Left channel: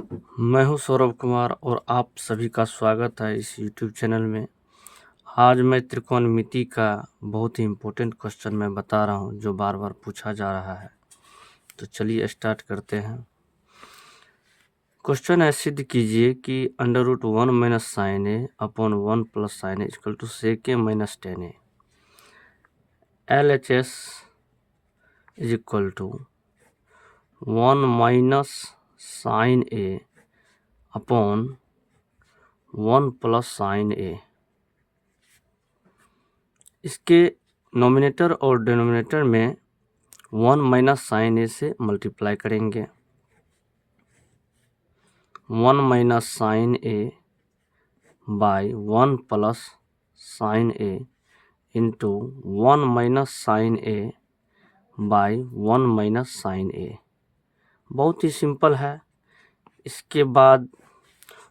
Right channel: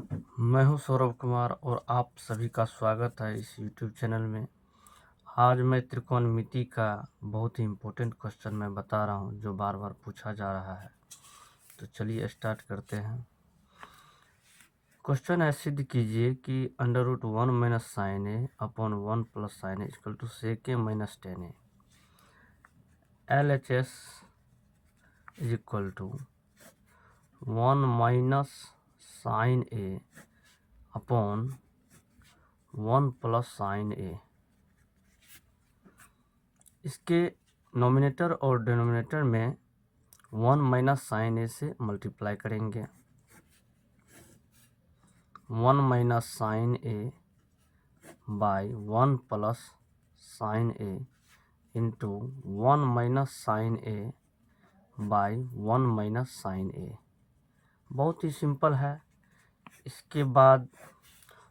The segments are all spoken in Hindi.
मैं हूं सौरभ कुमार और आप सभी का स्वागत है इस YouTube चैनल में। आज मैं त्रिकोणमिति का बहुत ही इम्पोर्टेंट क्वेश्चन मैं बता रहा हूं जो बार बार पूछा जा रहा है। तो चलिए स्टार्ट करते हैं। क्वेश्चन है, सिद्ध कीजिए कि √1 minus sine A upon 1 plus sine A equal to sec A minus tan A. LHS is equal to 1 minus sine A upon 1 plus sine A. इसके नोमिनेटर और डिनोमिनेटर में 1 माइनस साइन ए से मल्टीप्लाई करेंगे। 1 minus sine A by 1 plus sine A into 1 minus sine A by 1 minus sine A. बहुत ही सिंपल है। इसके बाद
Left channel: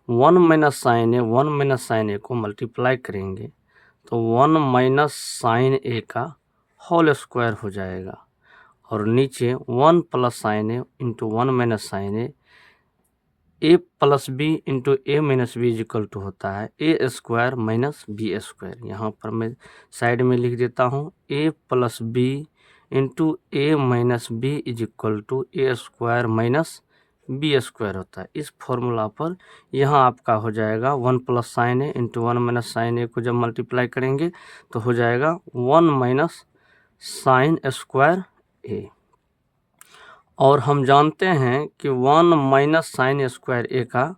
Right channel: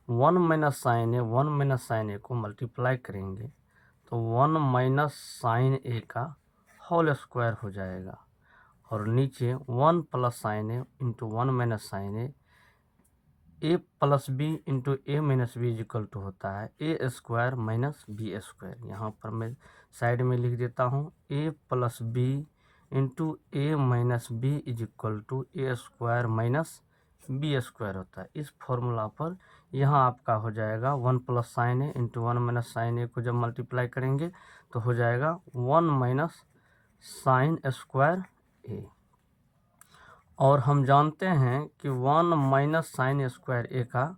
1 माइनस साइन ए को मल्टीप्लाई करेंगे तो 1 माइनस साइन ए का होल स्क्वायर हो जाएगा और नीचे 1 plus sine A into 1 minus sine A plus B into A minus B is equal to होता है A square minus B square. यहाँ पर मैं साइड में लिख देता हूँ A plus B into A minus B is equal to A square minus B square होता है। इस फॉर्मूला पर यहाँ आपका हो जाएगा 1 plus sine A into 1 minus sine ए को जब मल्टीप्लाई करेंगे तो हो जाएगा 1 माइनस साइन स्क्वायर ए। और हम जानते हैं कि 1 माइनस साइन स्क्वायर ए का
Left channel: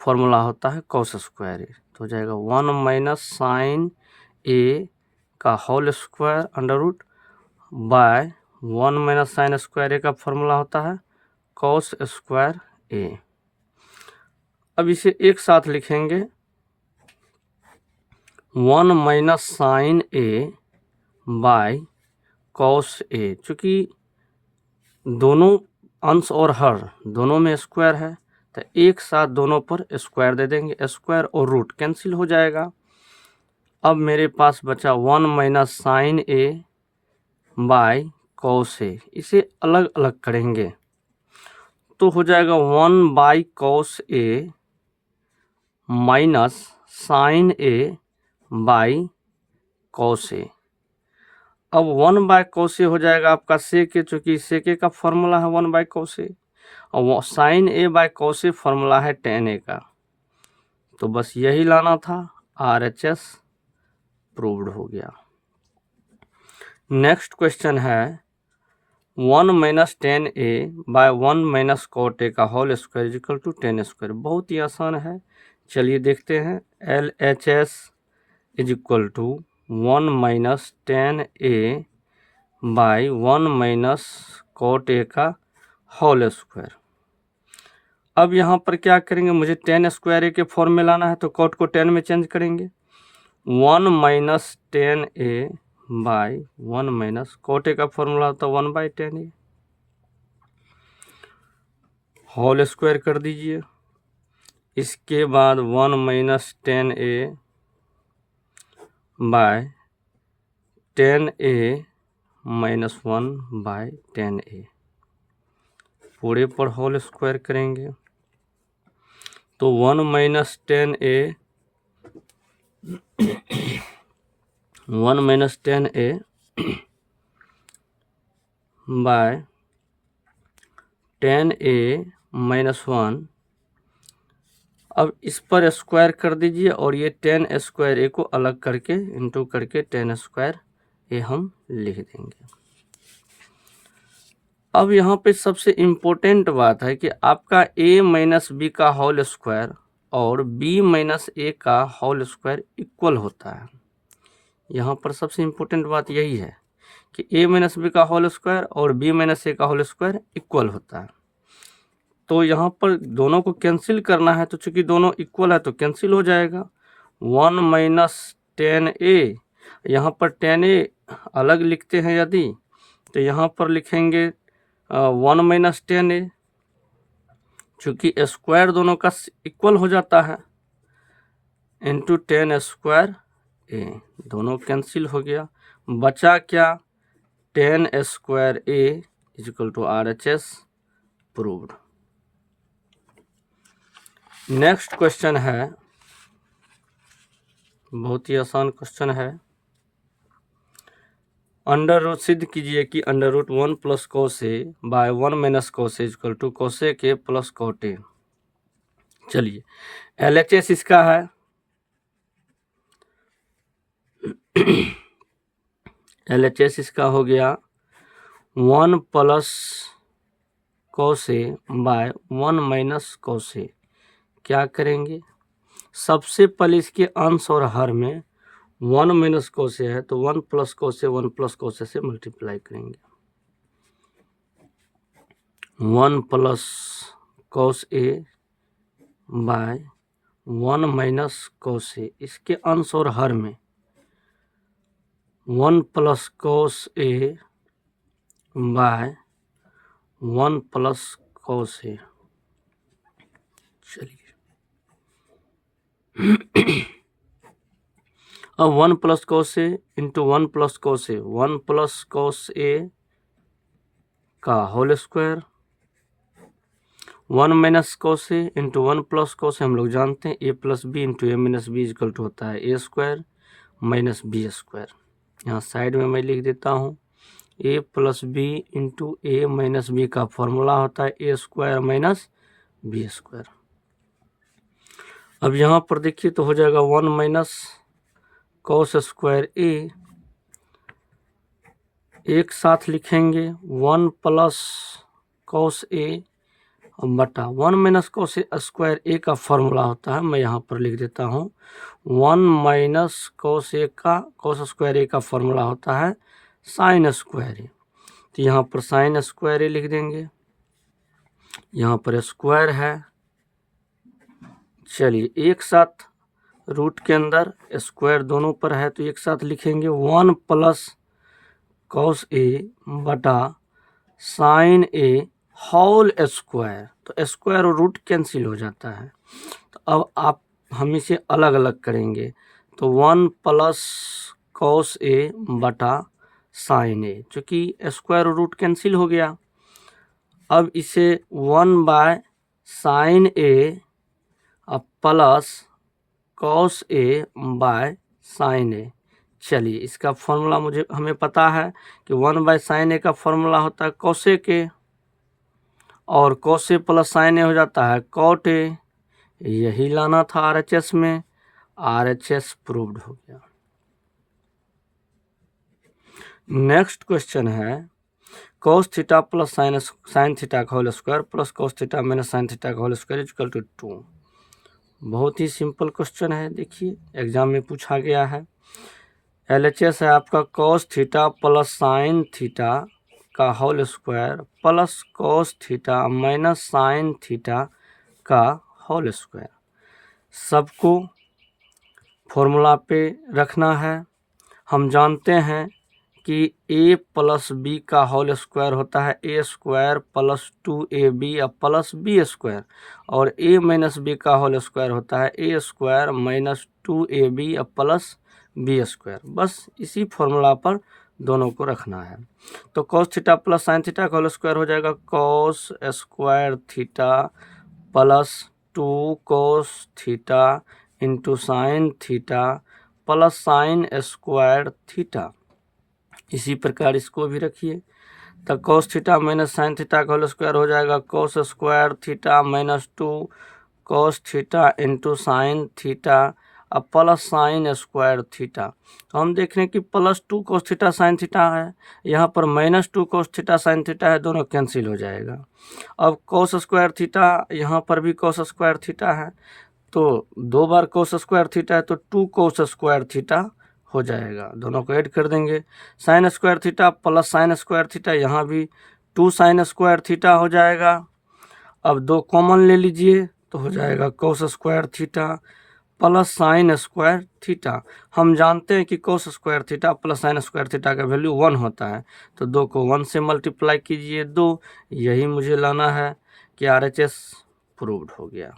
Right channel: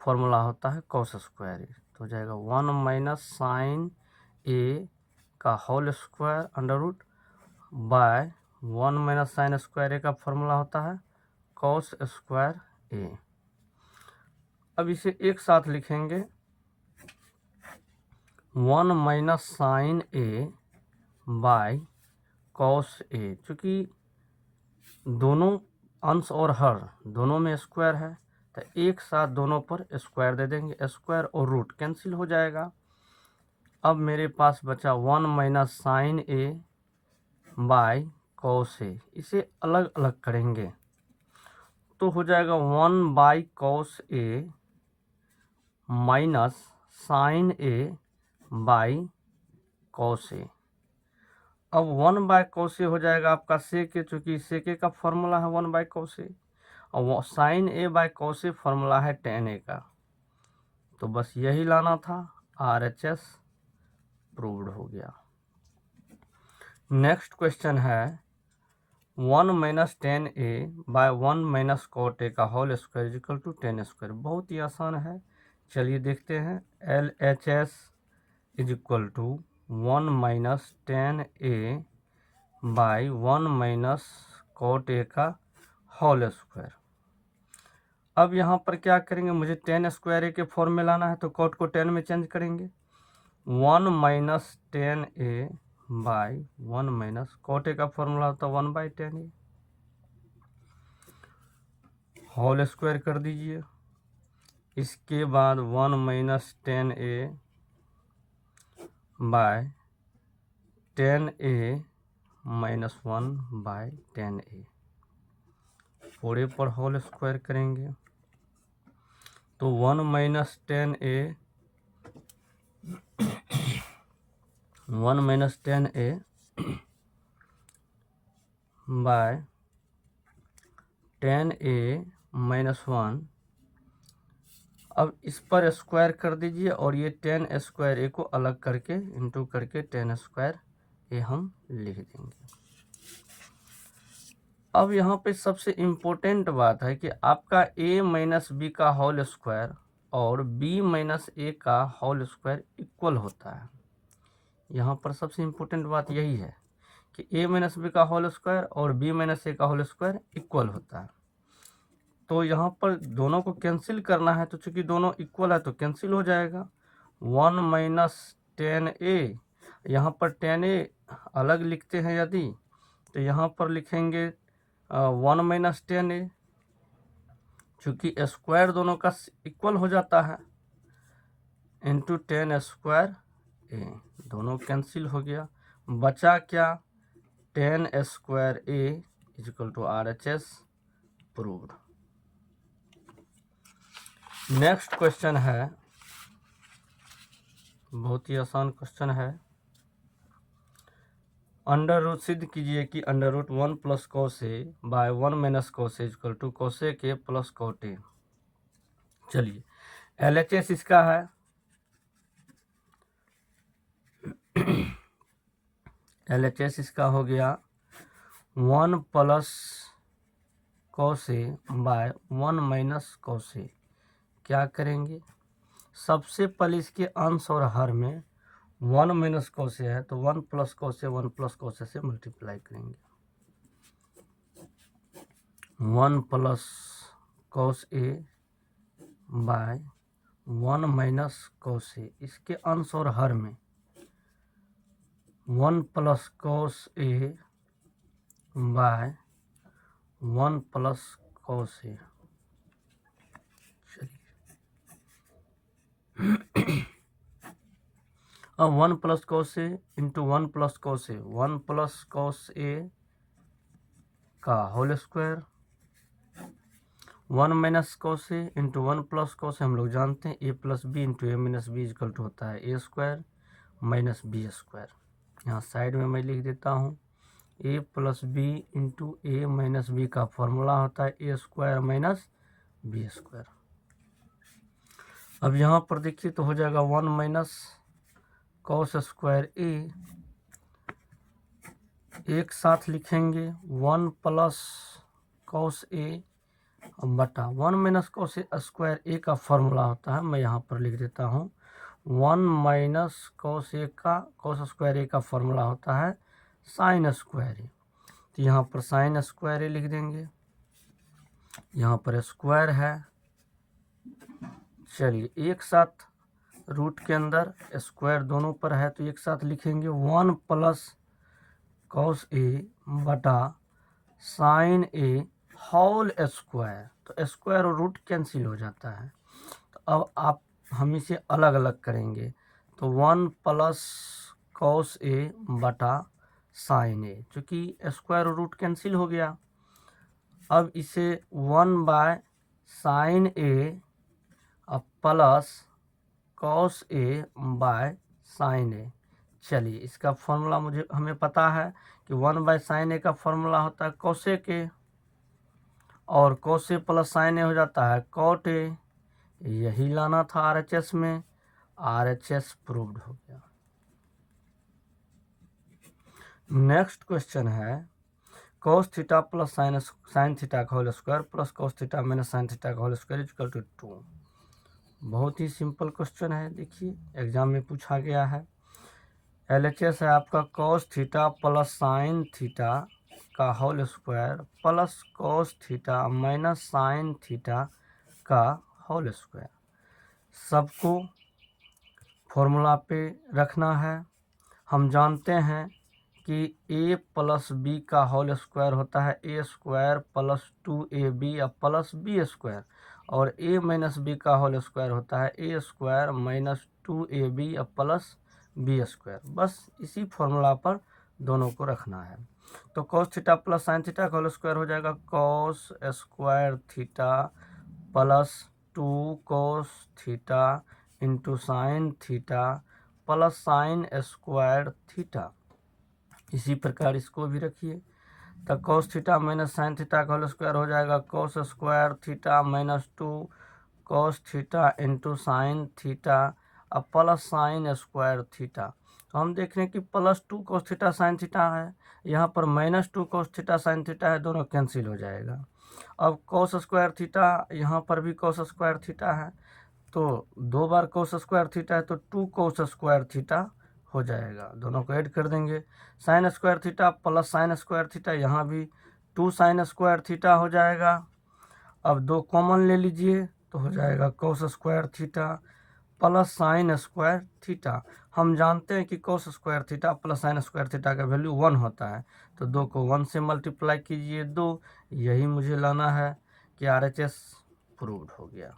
फॉर्मूला होता है कॉस स्क्वायर ए। तो हो जाएगा 1 माइनस साइन ए का whole square under root by 1 minus sine square A का फॉर्मूला होता है कॉस स्क्वायर ए। अब इसे एक साथ लिखेंगे 1 minus sine A by cos A. चूँकि दोनों अंश और हर दोनों में स्क्वायर है तो एक साथ दोनों पर स्क्वायर दे देंगे, स्क्वायर और रूट कैंसिल हो जाएगा। अब मेरे पास बचा 1 minus sine A by cos A. इसे अलग अलग करेंगे तो हो जाएगा 1 by cos A minus sine A by cos A. अब 1 बाय कॉस ए हो जाएगा आपका सेक ए, चूँकि सेक ए का फॉर्मूला है 1 बाय कॉस ए और sine A by cos A formula है टेन ए का। तो बस यही लाना था, RHS प्रूव्ड हो गया। नेक्स्ट क्वेश्चन है 1 minus tan A by 1 minus cot A का whole square is equal to 10 square. बहुत ही आसान है, चलिए देखते हैं। LHS is equal to 1 minus tan A by 1 minus cot A का होल स्क्वायर। अब यहाँ पर क्या करेंगे, मुझे 10 स्क्वायर ए के फॉर्म में लाना है तो कॉट को 10 में चेंज करेंगे। 1 minus tan A by 1 minus cot A का फॉर्मूला होता है 1 by tan A. Whole square कर दीजिए। इसके बाद 1 minus tan A by 10a minus 1 by 10a। पूरे पर होल स्क्वायर करेंगे तो 1 minus 10a 1 minus 10a bye 10a minus 1। अब इस पर स्क्वायर कर दीजिए और ये 10 स्क्वायर ए को अलग करके इंटू करके 10 स्क्वायर ए हम लिख देंगे। अब यहाँ पे सबसे इम्पोर्टेंट बात है कि आपका a माइनस बी का होल स्क्वायर और b माइनस ए का होल स्क्वायर इक्वल होता है। यहाँ पर सबसे इम्पोर्टेंट बात यही है कि a माइनस बी का होल स्क्वायर और b माइनस ए का होल स्क्वायर इक्वल होता है। तो यहाँ पर दोनों को कैंसिल करना है तो चूंकि दोनों इक्वल है तो कैंसिल हो जाएगा। 1 माइनस 10a, यहाँ पर 10a अलग लिखते हैं यदि तो यहाँ पर लिखेंगे 1 माइनस 10a, चूँकि स्क्वायर दोनों का इक्वल हो जाता है इंटू 10 स्क्वायर ए। दोनों कैंसिल हो गया, बचा क्या 10 square A is equal to RHS proved. Next question है, बहुत ही आसान क्वेश्चन है। अंडर रूट सिद्ध कीजिए कि under root 1 plus cos A by 1 minus cos A equal to cosec A plus cot A. चलिए, LHS इसका है LHS इसका हो गया 1 plus cos A by 1 minus cos A. क्या करेंगे, सबसे पहले इसके अंश और हर में 1 माइनस कोस ए है तो 1 plus cos A 1 plus cos ए से मल्टीप्लाई करेंगे। 1 plus cos A by 1 minus cos A, इसके अंश और हर में 1 plus cos A by 1 plus cos A. चलिए, अब 1 plus cos A into 1 plus cos A, 1 plus cos A का whole square, 1 minus cos A into 1 plus cos A, हम लोग जानते हैं A plus B into A minus B equal to होता है A square minus B square. यहाँ साइड में मैं लिख देता हूँ A plus B into A minus B का फॉर्मूला होता है A square minus B square. अब यहाँ पर देखिए तो हो जाएगा 1 माइनस कोस स्क्वायर ए, एक साथ लिखेंगे 1 प्लस कोस ए बटा 1 minus cos A square A का फॉर्मूला होता है, मैं यहाँ पर लिख देता हूँ 1 माइनस कोस ए का कोस स्क्वायर ए का फॉर्मूला होता है साइन स्क्वायर ए, तो यहाँ पर साइन स्क्वायर ए लिख देंगे, यहाँ पर स्क्वायर है। चलिए, एक साथ रूट के अंदर स्क्वायर दोनों पर है तो एक साथ लिखेंगे 1 प्लस कोस ए बटा साइन ए होल स्क्वायर, तो स्क्वायर और रूट कैंसिल हो जाता है। तो अब आप हम इसे अलग अलग करेंगे तो 1 प्लस कोस ए बटा साइन ए, चूँकि स्क्वायर और रूट कैंसिल हो गया। अब इसे 1 बाय साइन ए अब plus cos A by sine A. चलिए, इसका फॉर्मूला हमें पता है कि 1 बाय साइन ए का फॉर्मूला होता है कोसेक ए, और कोस ए प्लस साइन ए हो जाता है कॉट ए। यही लाना था RHS में, RHS प्रूव्ड हो गया। नेक्स्ट क्वेश्चन है cos theta plus sine theta का whole square plus cos theta minus sine theta का होल स्क्वायर इक्वल टू 2। बहुत ही सिंपल क्वेश्चन है, देखिए एग्जाम में पूछा गया है। LHS है आपका cos theta plus sine theta का whole square plus cos theta minus sine theta का होल स्क्वायर। सबको फॉर्मूला पे रखना है। हम जानते हैं कि a प्लस बी का होल स्क्वायर होता है a square plus 2ab plus B square, और a माइनस बी का होल स्क्वायर होता है a square minus 2ab plus B square. बस इसी फॉर्मूला पर दोनों को रखना है। तो cos theta plus sine theta का होल स्क्वायर हो जाएगा cos square theta plus 2 cos theta into sine theta plus sine square theta. इसी प्रकार इसको भी रखिए, तो cos theta minus sine theta का होल स्क्वायर हो जाएगा cos square theta minus 2 cos theta into sine theta अब प्लस साइन स्क्वायर थीटा। तो हम देख रहे हैं कि plus 2 cos theta sine theta है, यहाँ पर minus 2 cos theta sine theta है, दोनों कैंसिल हो जाएगा। अब cos स्क्वायर थीटा, यहाँ पर भी cos स्क्वायर थीटा है, तो 2 बार cos स्क्वायर थीटा है तो 2 cos स्क्वायर थीटा हो जाएगा, दोनों को ऐड कर देंगे। Sine square theta plus sine square theta, यहाँ भी 2 साइन स्क्वायर थीटा हो जाएगा। अब 2 कॉमन ले लीजिए तो हो जाएगा cos square theta plus sine square theta. हम जानते हैं कि cos square theta plus sine square theta का वैल्यू 1 होता है, तो 2 को 1 से मल्टीप्लाई कीजिए 2। यही मुझे लाना है कि RHS प्रूव्ड हो गया।